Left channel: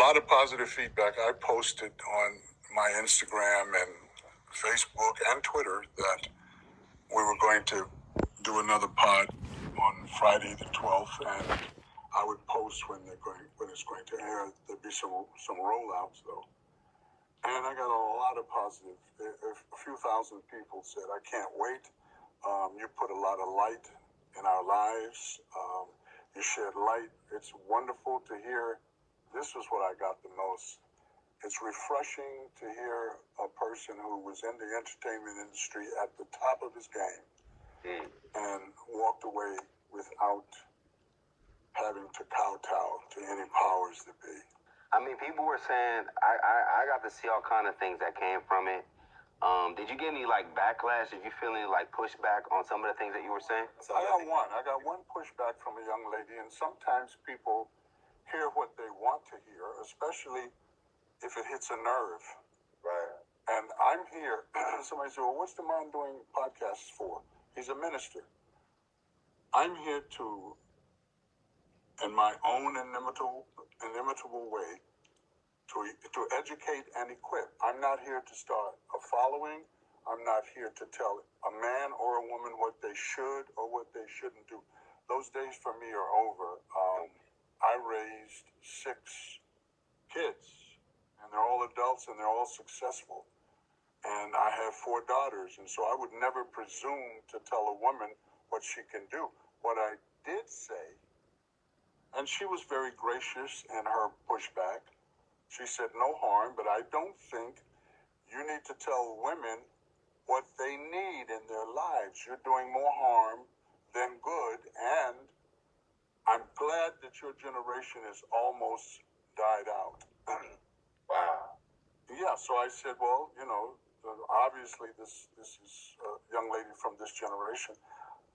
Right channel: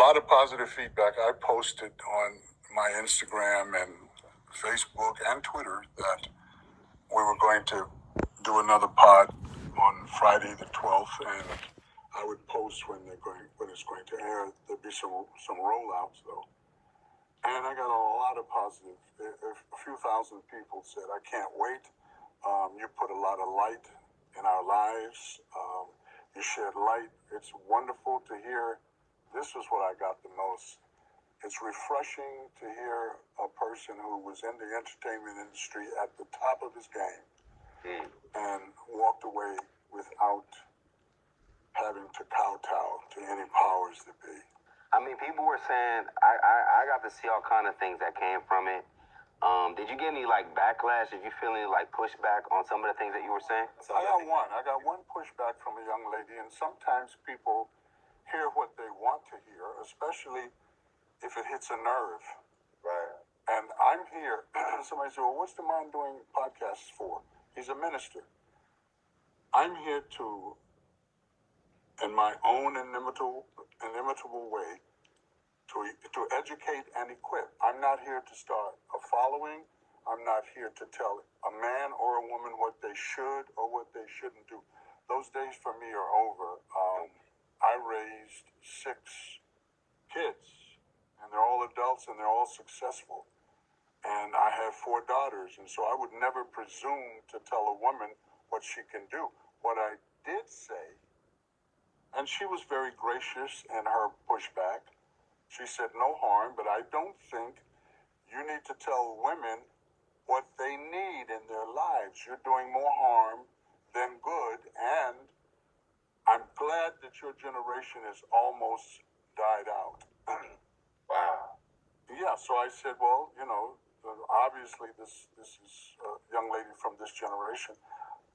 lot of positive feedback. I posted on my Instagram and Facebook and Twitter that we were going to do another pod on Friday the 12th, and I would post when it's going to air. There'd be some rollouts though, and I got a lot of positive. A few thousand people said, "I can't wait. You put a lot of light in our lives. You shed light. It's wonderful to hear." This is what I got the most. It's refreshing to hear a person who was in the entertainment industry at the top of his game and walked away without having to kowtow to any powers that be. I mean, people were saying, I got to see all kind of things that came from it. Did you get any, backlash? Did you feel any, pushback on some of the things that you were saying? I got one pushback from a young lady, and sometimes people hear what they want to hear, especially if it hits a nerve. Right. And I'm here. Somebody said, "Well, what's the man doing podcasts for?" He's a minister. I'm here to, in my own inimitable way, to educate and equip. I'm not here to start a following. I'm not here to tell a man or a woman what they should or what they shouldn't do. Those days for me are over. I raised 6 kids, and they're all adults and they're all successful. And I have 4 daughters, and so I would never presume to tell a woman what she can do. What I did say, and she was very gracious in her pushback, she said no harm, but I don't think you need to tell women what they need in their lives. You're doing more harm than good, and I'm glad that your generation has almost died out. Wow. Yeah, so I said, well, obviously this is a young lady from this generation.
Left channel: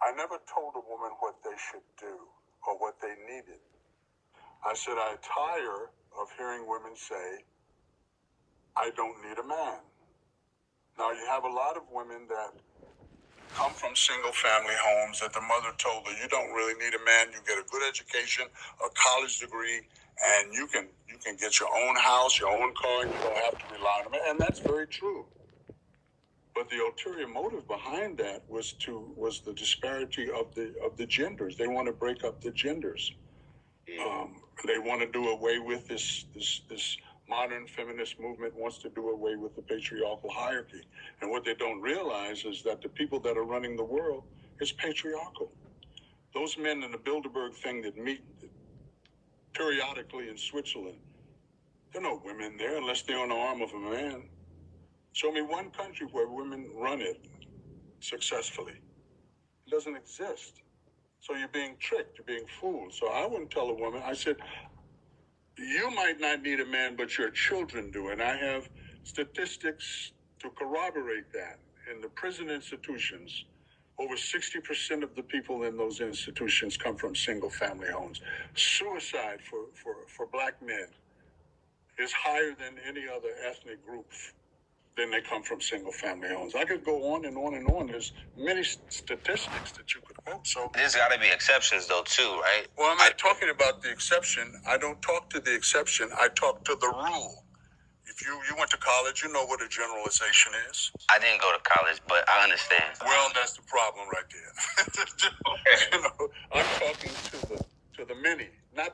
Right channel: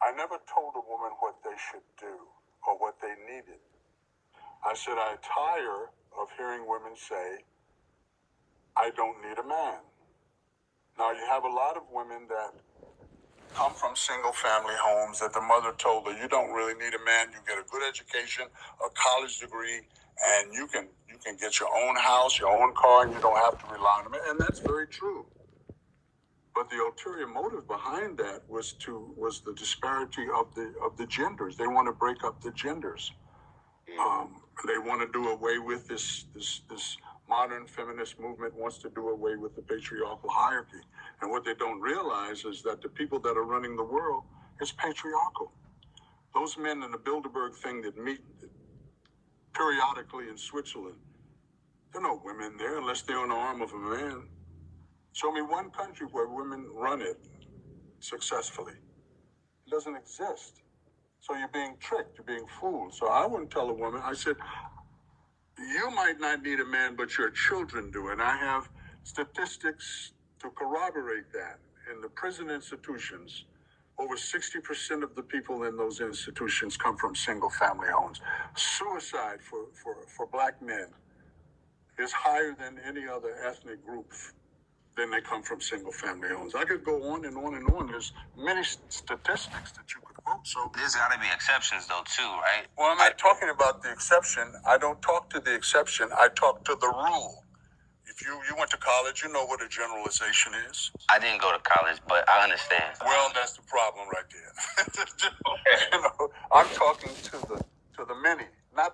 I never told a woman what they should do or what they needed. I said, I tire of hearing women say, I don't need a man. Now, you have a lot of women that come from single-family homes that the mother told her, you don't really need a man. You get a good education, a college degree, and you can get your own house, your own car, and you don't have to rely on a man. And that's very true. But the ulterior motive behind that was the disparity of the genders. They want to break up the genders. They want to do away with this modern feminist movement wants to do away with the patriarchal hierarchy. And what they don't realize is that the people that are running the world is patriarchal. Those men in the Bilderberg thing that meet periodically in Switzerland, there are no women there unless they're on the arm of a man. Show me one country where women run it successfully. It doesn't exist. So you're being tricked, you're being fooled. So I wouldn't tell a woman, I said, you might not need a man, but your children do. And I have statistics to corroborate that. In the prison institutions, over 60% of the people in those institutions come from single-family homes. Suicide for black men is higher than any other ethnic group. Then they come from single-family homes. I could go on and on and on. There's many statistics that you could quote. So There's got to be exceptions, though, too, right? well, I'm not talking about the exception. I don't talk to the exception. I talk to the rule. If you went to college, you know what a generalization is. I didn't go to college, but I understand. Well, that's the problem right there. I'm talking to the many, not the